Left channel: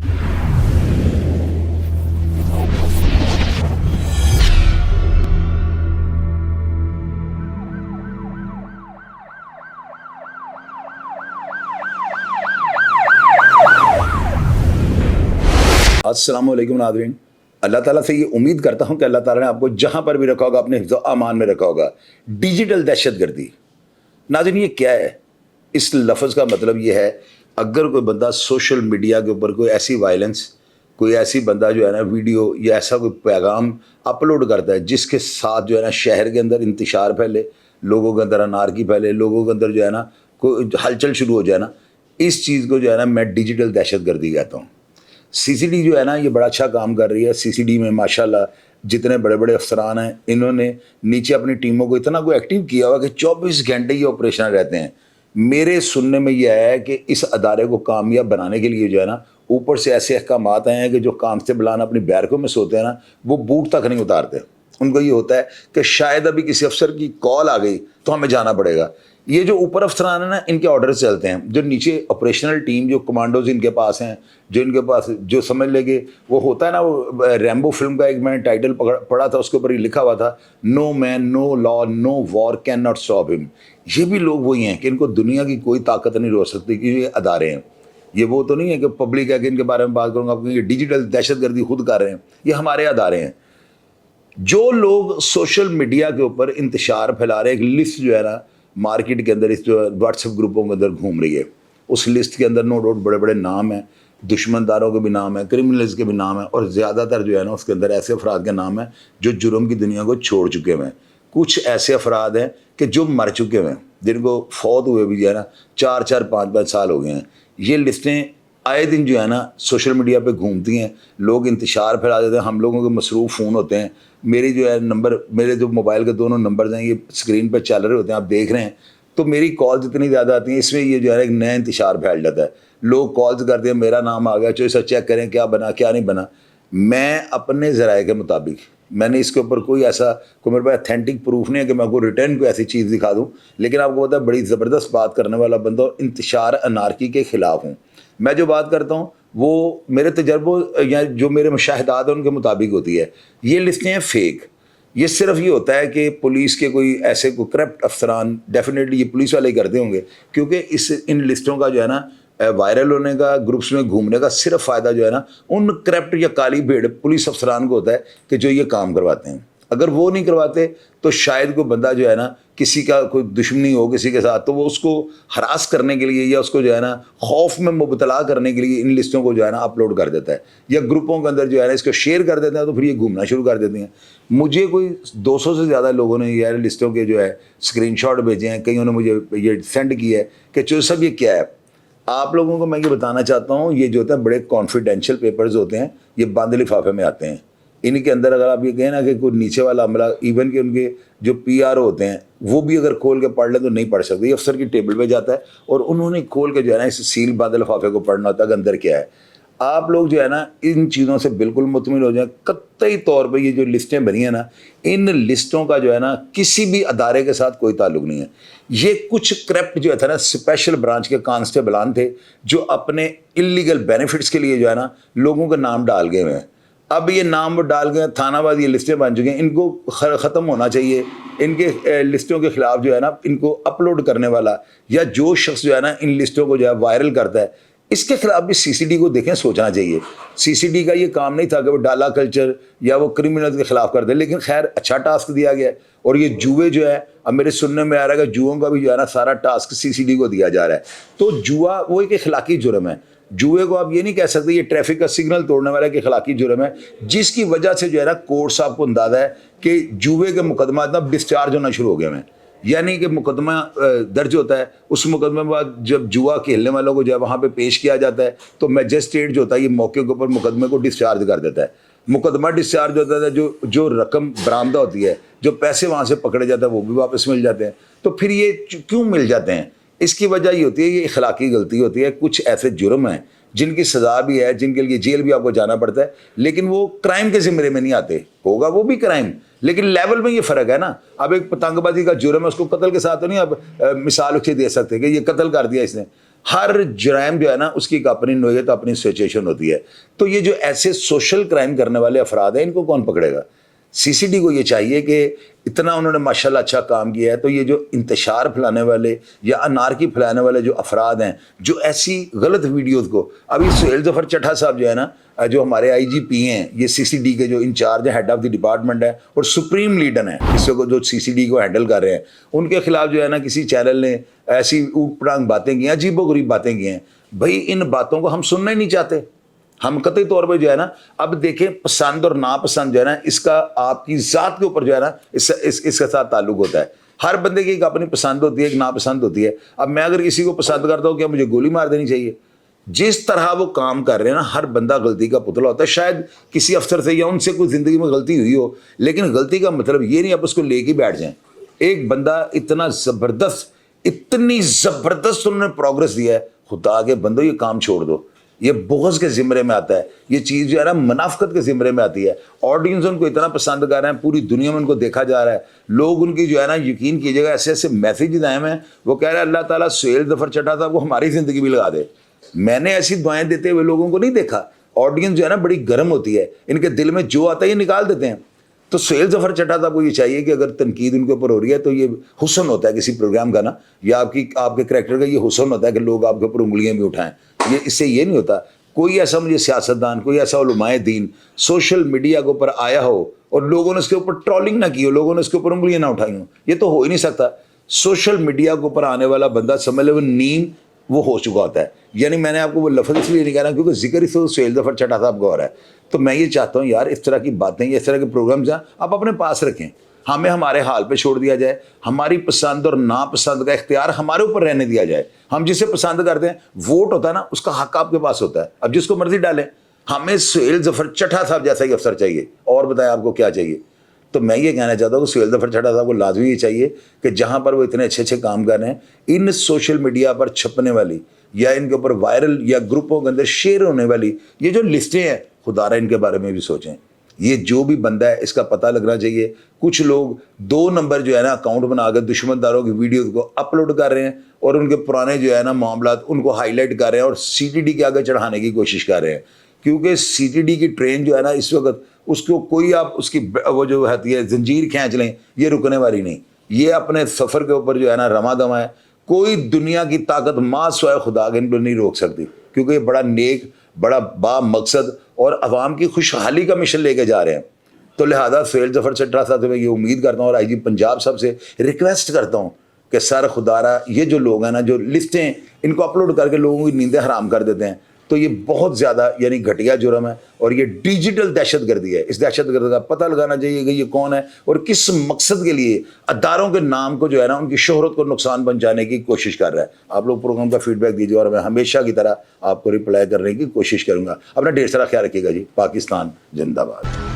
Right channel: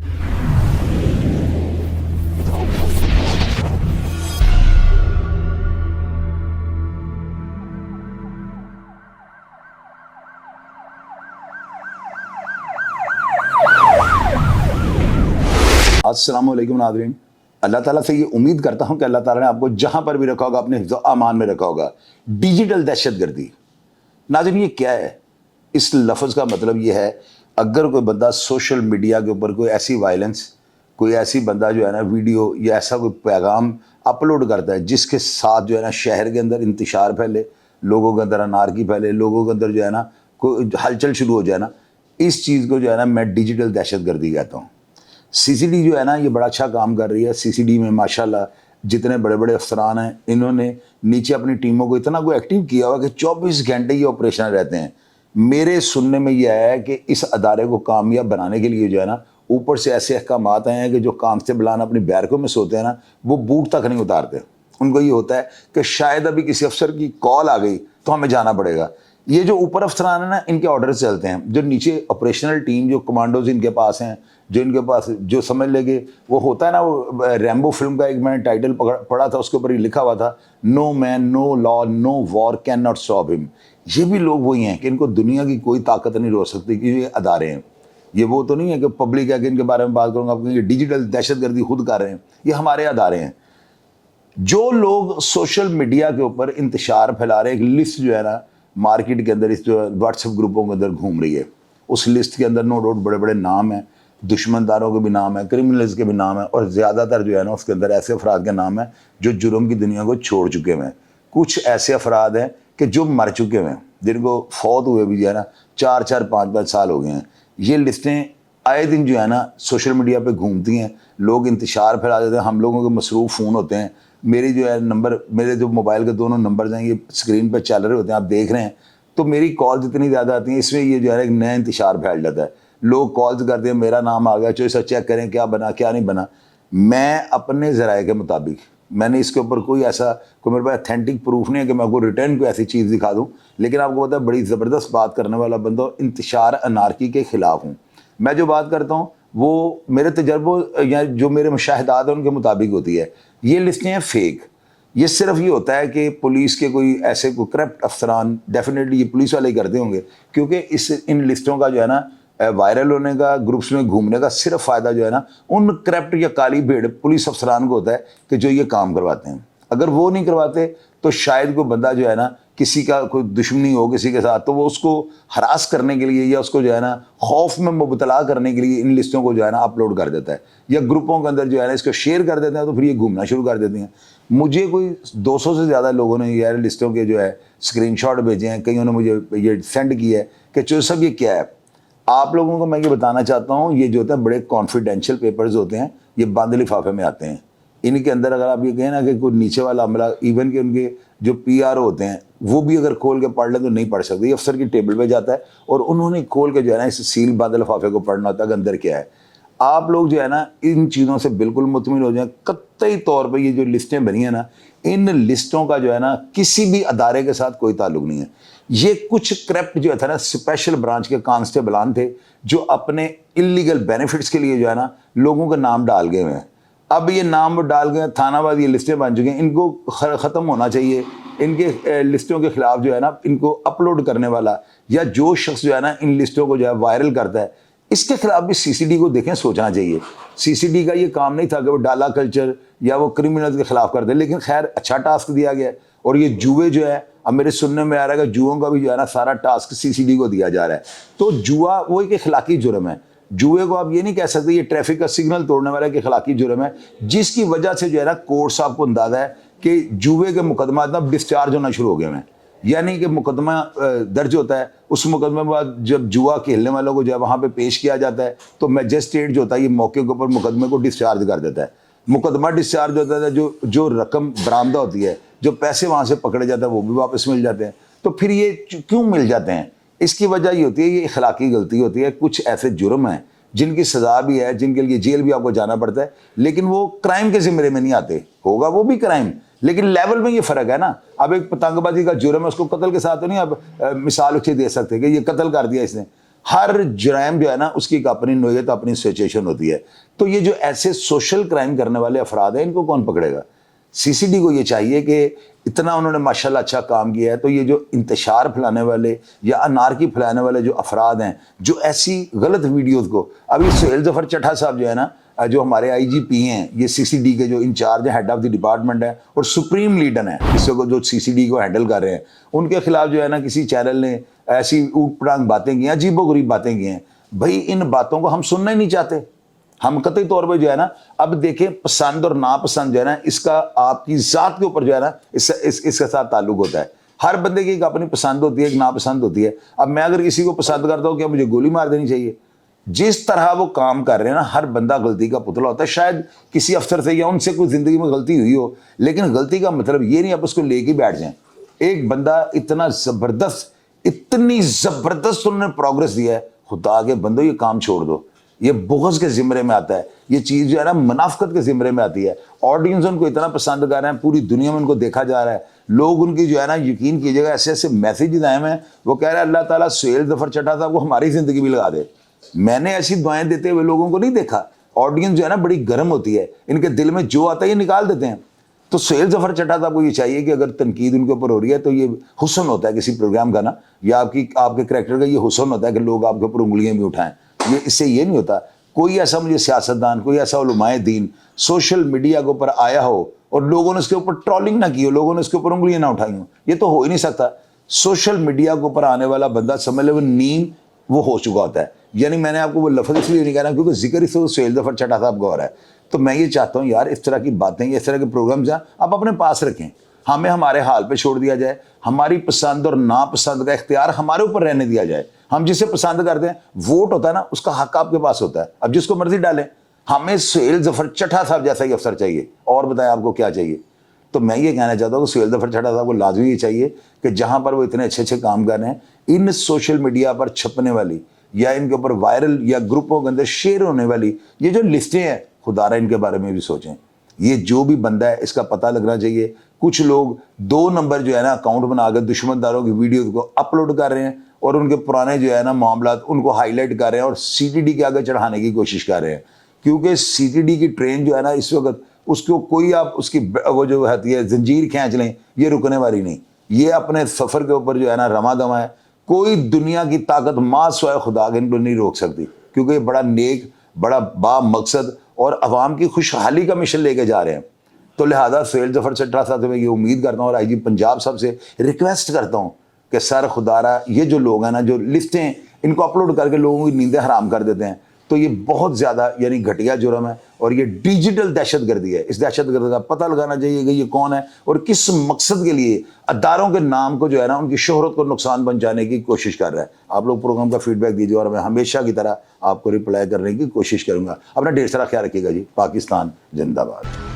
अस्सलाम वालेकुम नाज़रीन, अल्लाह ताला से ये उम्मीद करता हूँ कि अल्लाह ताला ने आपको जहाँ पर भी रखा होगा अपने हिफ्ज़ अमान में रखा होगा। डिजिटल दहशतगर्दी, नाज़रीन ये क्या है? इस लफ्ज़ का मतलब ये है, अगर कोई बंदा सोशल मीडिया के ऊपर कोई ऐसी वायलेंस, कोई ऐसी बंदा जो है ना वीडियो या ऐसा कोई पैगाम अपलोड करता है जिसके साथ जो है ना शहर के अंदर इंतशार फैले, लोगों के अंदर अनारकी फैले, लोगों के अंदर जो है ना कोई हलचल शुरू हो जाए ना, इस चीज़ को जो है ना मैं डिजिटल दहशतगर्दी कहता हूँ। सीसीडी जो है ना ये बड़ा अच्छा काम कर रही है। सीसीडी में माशाल्लाह जितने बड़े बड़े अफसरान हैं, इन्होंने नीचे अपनी टीमों को इतना को एक्टिव किया हुआ कि 24 घंटे ये ऑपरेशन रहते हैं। मेरे सुनने में यह है कि इस अदारे को कामयाब बनाने के लिए जो है ना ऊपर से ऐसे अहकामात आए हैं कि जो कांस्टेबलान अपनी बैरकों में सोते हैं ना, वो बूट तक नहीं उतारते। उनको ये होता है कि शायद अभी किसी अफसर की कॉल आ गई तो हमें जाना पड़ेगा। ये जो ऊपर अफसरान है ना, इनके ऑर्डर चलते हैं। जो नीचे ऑपरेशनल टीम, जो कमांडोज इनके पास हैं, जो इनके पास जो समझ लेंगे वो होता है ना, वो रैम्बो फिल्म का एक मैंने टाइटल पढ़ा था, उसके ऊपर ही लिखा हुआ था, no man no law no war can not stop him. ये भी लोग वही हैं कि इनको दुनिया की कोई ताकत नहीं रोक सकती कि ये अदारे हैं। ये वो तो नहीं है कि पब्लिक है कि इनके बारे में बात करूँगा, क्योंकि ये डिजिटल दहशतगर्दी खुद कर रहे हैं। ये हमारे अदारे हैं। जो लोग सोशल मीडिया के ऊपर इंतशार फैला रहे हैं, एक लिस्ट जो है ना मार्केट के अंदर, इस जो व्हाट्सएप ग्रुपों के अंदर घूम रही है, उस लिस्ट के अंदर नो डाउट बड़े बड़े नाम हैं, दुश्मनदारों के भी नाम है, क्रिमिनल्स के भी नाम है, और ज़्यादातर जो है ना उसके अंदर ऐसे अफराद के नाम है जो जुर्म की दुनिया को छोड़ चुके हुए हैं। कुछ ऐसे अफराद हैं कि जो मर चुके हुए हैं, जिनको फौत हुए भी जो है ना 4-4 5-5 साल हो गए हैं। ये लिस्टें आए दिन जो है ना सोशल मीडिया पे घूमती हैं, लोग इंतशार फैला देते हैं। हम लोगों के मसरूफ़ फ़ोन होते हैं, मेरी जो है नंबर, मेरे जो मोबाइल के दोनों नंबर हैं ये स्क्रीन पर चल रहे होते हैं, आप देख रहे हैं, तो मेरी कॉल्स इतनी ज़्यादा आती हैं, इसमें ये जो है एक नया इंतशार फैल जाता है। लोग कॉल्स करते हैं, मेरा नाम आ गया, चलो चेक करें क्या बना क्या नहीं बना। मैं अपने ज़राए के मुताबिक, मैंने इसके ऊपर कोई ऐसा, कोई मेरे पास अथेंटिक प्रूफ नहीं है कि मैं आपको रिटर्न कोई ऐसी चीज़ दिखा दूँ, लेकिन आपको पता है बड़ी ज़बरदस्त बात करने वाला बंदा और इंतशार अनारकी के ख़िलाफ़ हूँ। मैं जो बात करता हूँ वो मेरे तजर्बों या जो मेरे मुशाहिदात हैं उनके मुताबिक होती है। ये लिस्टें हैं फेक। ये सिर्फ ये होता है कि पुलिस के कोई ऐसे कोई करप्ट अफसरान, डेफिनेटली ये पुलिस वाले ही करते होंगे, क्योंकि इन लिस्टों का जो है ना वायरल होने का, ग्रुप्स में घूमने का सिर्फ फ़ायदा जो है ना उन करप्ट या काली भेड़ पुलिस अफसरान को होता है कि जो ये काम करवाते हैं। अगर वो नहीं करवाते तो शायद कोई बंदा जो है ना, किसी का कोई दुश्मनी हो किसी के साथ, तो वो उसको हरास करने के लिए या उसको जो है ना खौफ में मुबतला करने के लिए इन लिस्टों को जो है ना अपलोड कर देता है, या ग्रुपों के अंदर जो है ना इसको शेयर कर देते हैं, तो फिर ये घूमना शुरू कर देते हैं। मुझे कोई 200 से ज़्यादा लोगों ने यार लिस्टों के जो है स्क्रीनशॉट भेजे हैं, कईयों ने मुझे ये सेंड किया है कि चो सब ये क्या है। आप लोगों को मैं ये बताना चाहता हूँ, ये जो होता है बड़े कॉन्फिडेंशियल पेपर्स होते हैं, ये बंद लिफाफे में आते हैं। इनके अंदर अगर आप ये कहें ना कि कोई नीचे वाला अमला, इवन के उनके जो पीआरओ होते हैं वो भी अगर खोल के पढ़ लें तो नहीं पढ़ सकते। ये अफसर की टेबल पे जाता है और उन्होंने खोल के जो है ना इस सील बंद लिफाफे को पढ़ना होता है कि अंदर क्या है। आप लोग जो है ना इन चीज़ों से बिल्कुल मुतमिन हो जाएं। कतई तौर पे ये जो लिस्टें बनी हैं ना, इन लिस्टों का जो है ना किसी भी अदारे के साथ कोई ताल्लुक नहीं है। ये कुछ करप्ट जो था ना स्पेशल ब्रांच के कांस्टेबलान थे जो अपने इलीगल बेनिफिट्स के लिए जो है ना लोगों के नाम डाल गए हुए हैं। अब ये नाम डाल गए, थानावाद ये लिस्टें बन चुकी हैं, इनको ख़त्म होना चाहिए। इनके लिस्टों के ख़िलाफ़ जो है ना इनको अपलोड करने वाला या जो शख्स जो है ना इन लिस्टों को जो है वायरल करता है, इसके खिलाफ भी सीसीडी को देखें, सोचना चाहिए। सीसीडी का ये काम नहीं था कि वो डाला कल्चर या वो क्रिमिनल्स के खिलाफ कर दे, लेकिन खैर अच्छा टास्क दिया गया। और ये जुए जो है, अब मेरे सुनने में आ रहा है कि जुओं का भी जो है ना सारा टास्क सीसीडी को दिया जा रहा है। तो जुआ वो एक अखलाकी जुर्म है। जुए को आप ये नहीं कह सकते ये ट्रैफिक का सिग्नल तोड़ने वाला एक अखलाकी जुर्म है, जिसकी वजह से जो है ना कोर्ट साहब को अंदाजा है कि जुए के मुकदमा अब डिस्चार्ज होना शुरू हो गए हैं। यानी कि मुकदमा दर्ज होता है, उस मुकदमे के बाद जब जुआ खेलने वालों को जो है वहाँ पे पेश किया जाता है, तो मैजिस्ट्रेट जो होता है ये मौके के ऊपर मुकदमे को डिस्चार्ज कर देता है। मुकदमा डिस्चार्ज होता है, जो रकम बरामदा होती है, जो पैसे वहाँ से पकड़े जाते हैं वो भी वापस मिल जाते हैं। तो फिर ये क्यों मिल जाते हैं? इसकी वजह ये होती है, ये अखलाकी गलती होती है। कुछ ऐसे जुर्म हैं जिनकी सज़ा भी है, जिनके लिए जेल भी आपको जाना पड़ता है, लेकिन वो क्राइम के ज़िम्मे में नहीं आते। होगा वो भी क्राइम, लेकिन लेवल में ये फ़र्क है ना। अब एक पतंगबाजी का जुर्म है, उसको कत्ल के साथ तो नहीं आप मिसाल उसकी दे सकते कि ये कत्ल कर दिया इसने। ہر جرائم جو ہے نا اس کی ایک اپنی نوعیت اپنی سچویشن ہوتی ہے. تو یہ جو ایسے سوشل کرائم کرنے والے افراد ہیں ان کو کون پکڑے گا؟ سی سی ڈی کو یہ چاہیے کہ اتنا انہوں نے ماشاءاللہ اچھا کام کیا ہے, تو یہ جو انتشار پھیلانے والے یا انارکی پھیلانے والے جو افراد ہیں جو ایسی غلط ویڈیوز کو, ابھی سہیل ظفر چٹھا صاحب جو ہے نا جو ہمارے آئی جی پی ہیں, یہ سی سی ڈی کے جو انچارج ہیں, ہیڈ آف دی ڈپارٹمنٹ ہے اور سپریم لیڈر ہیں اس کو جو سی سی ڈی کو ہینڈل کر رہے ہیں, ان کے خلاف جو ہے نا کسی چینل نے ایسی اوٹ پڑانگ باتیں کی ہیں, عجیب و غریب باتیں کی ہیں. بھائی ان باتوں کو ہم سننا ہی نہیں چاہتے. ہم قطعی طور پہ جو ہے نا اب دیکھیں پسند اور ناپسند جو ہے نا اس کا آپ کی ذات کے اوپر جو ہے نا اس کے ساتھ تعلق ہوتا ہے. ہر بندے کی ایک اپنی پسند ہوتی ہے, ایک ناپسند ہوتی ہے. اب میں اگر کسی کو پسند کرتا ہوں کیا مجھے گولی مار دینی چاہیے؟ جس طرح وہ کام کر رہے ہیں نا, ہر بندہ غلطی کا پتلا ہوتا ہے. شاید کسی افسر سے یا ان سے کوئی زندگی میں غلطی ہوئی ہو, لیکن غلطی کا مطلب یہ نہیں آپ اس کو لے کے بیٹھ جائیں. ایک بندہ اتنا زبردست, اتنی زبردست انہوں نے پروگرس دیا ہے, خدا کے بندو یہ کام چھوڑ دو. یہ بغض کے زمرے میں آتا ہے, یہ چیز جو ہے نا منافقت کے زمرے میں آتی ہے. آڈینس ان کو اتنا پسند کر رہے ہیں, پوری دنیا میں ان کو دیکھا جا رہا ہے. لوگ ان کی جو ہے نا یقین کیجیے گا ایسے ایسے میسیجز آئے ہیں, وہ کہہ رہے ہیں اللہ تعالیٰ سہیل ظفر چٹھا صاحب کو ہماری زندگی بھی لگا دے. میں نے ایسی دعائیں دیتے ہوئے لوگوں کو نہیں دیکھا. آڈینس جو ہے نا بڑی گرم ہوتی ہے, ان کے دل میں جو آتا ہے یہ نکال دیتے ہیں. تو سہیل ظفر چٹھا صاحب کو یہ چاہیے کہ اگر تنقید ان کے اوپر ہو رہی ہے تو یہ حسن ہوتا ہے کسی پروگرام کا نا, یا آپ کے کریکٹر کا یہ حسن ہوتا ہے کہ لوگ آپ کے اوپر انگلیاں بھی اٹھائیں. یہ اس سے یہ نہیں ہوتا. کوئی ایسا مجھے سیاستدان, کوئی ایسا علماء دین سوشل میڈیا کے اوپر آیا ہو اور لوگوں نے اس کے اوپر ٹرولنگ نہ کی ہو, لوگوں نے اس کے اوپر انگلیاں نہ اٹھائی ہوں, یہ تو ہو ہی نہیں سکتا. سوشل میڈیا کے اوپر آنے والا بندہ سمجھ لے وہ نیم وہ ہو چکا ہوتا ہے. یعنی میں نے آپ کو وہ لفظ اس لیے نہیں کہہ رہا کیونکہ ذکر اس سہیل ظفر چٹھا صاحب کا ہو رہا ہے. تو میں یہ چاہتا ہوں یار اس طرح کی باتیں, اس طرح کے پروگرامز ہیں آپ اپنے پاس رکھیں, ہمیں ہمارے حال پہ چھوڑ دیا جائے. ہماری پسند اور ناپسند کا اختیار ہمارے اوپر رہنے دیا جائے. ہم جسے پسند کرتے ہیں, ووٹ ہوتا ہے نا, اس کا حق آپ کے پاس ہوتا ہے, اب جس کو مرضی ڈالیں. ہمیں سہیل ظفر چٹھا صاحب جیسا ہی افسر چاہیے, اور بتائیں آپ کو کیا چاہیے. تو میں یہ کہنا چاہتا ہوں کہ سہیل ظفر چٹھا صاحب کو لازمی یہ چاہیے کہ جہاں پر وہ اتنے اچھے اچھے کام کر رہے ہیں, ان سوشل میڈیا پر چھپنے والی یا ان کے اوپر وائرل یا گروپوں کے اندر شیئر ہونے والی یہ جو لسٹیں ہیں, خدا را ان کے بارے میں بھی سوچیں. یہ جو بھی بندہ ہے اس کا پتہ لگنا چاہیے. کچھ لوگ 2 نمبر جو ہے نا اکاؤنٹ بنا کے دشمن داروں کی ویڈیوز کو اپلوڈ کر رہے ہیں اور ان کے پرانے جو ہے نا معاملات ان کو ہائی لائٹ کر رہے ہیں اور سی ٹی ڈی کے آگے چڑھانے کی کوشش کر رہے ہیں. کیونکہ سی ٹی ڈی کی ٹرین جو ہے نا اس وقت اس کو کوئی آپ اس کی وہ جو ہوتی ہے زنجیر کھینچ لیں, یہ رکنے والی نہیں. یہ اپنے سفر کے اوپر جو ہے نا رواں دواں ہے. کوئی دنیا کی طاقت ماں سوائے خدا کے ان کو نہیں روک سکتی, کیونکہ یہ بڑا نیک, بڑا با مقصد اور عوام کی خوشحالی کا مشن لے کے جا رہے ہیں. تو لہٰذا سہیل ظفر چٹھا صاحب سے میں یہ امید کرتا ہوں اور آئی جی پنجاب صاحب سے ریکویسٹ کرتا ہوں کہ سر خدا را یہ جو لوگ ہیں نا جو لسٹیں ان کو اپلوڈ کر کے لوگوں کی نیندیں حرام کر دیتے ہیں, تو یہ بہت زیادہ یعنی گھٹیا جرم ہے اور یہ ڈیجیٹل دہشت گردی ہے. اس دہشت گرد کا پتہ لگانا چاہیے کہ یہ کون ہے اور کس مقصد کے لیے اداروں کے نام کو جو ہے نا ان کی شہرت کو نقصان پہنچانے کی کوشش کر رہا ہے. آپ لوگ پروگرام کا فیڈ بیک دیجیے اور میں ہمیشہ کی طرح آپ کو رپلائی کرنے کی کوشش کروں گا. اپنا ڈھیر سارا خیال رکھیے گا جی. پاکستان زندہ باد.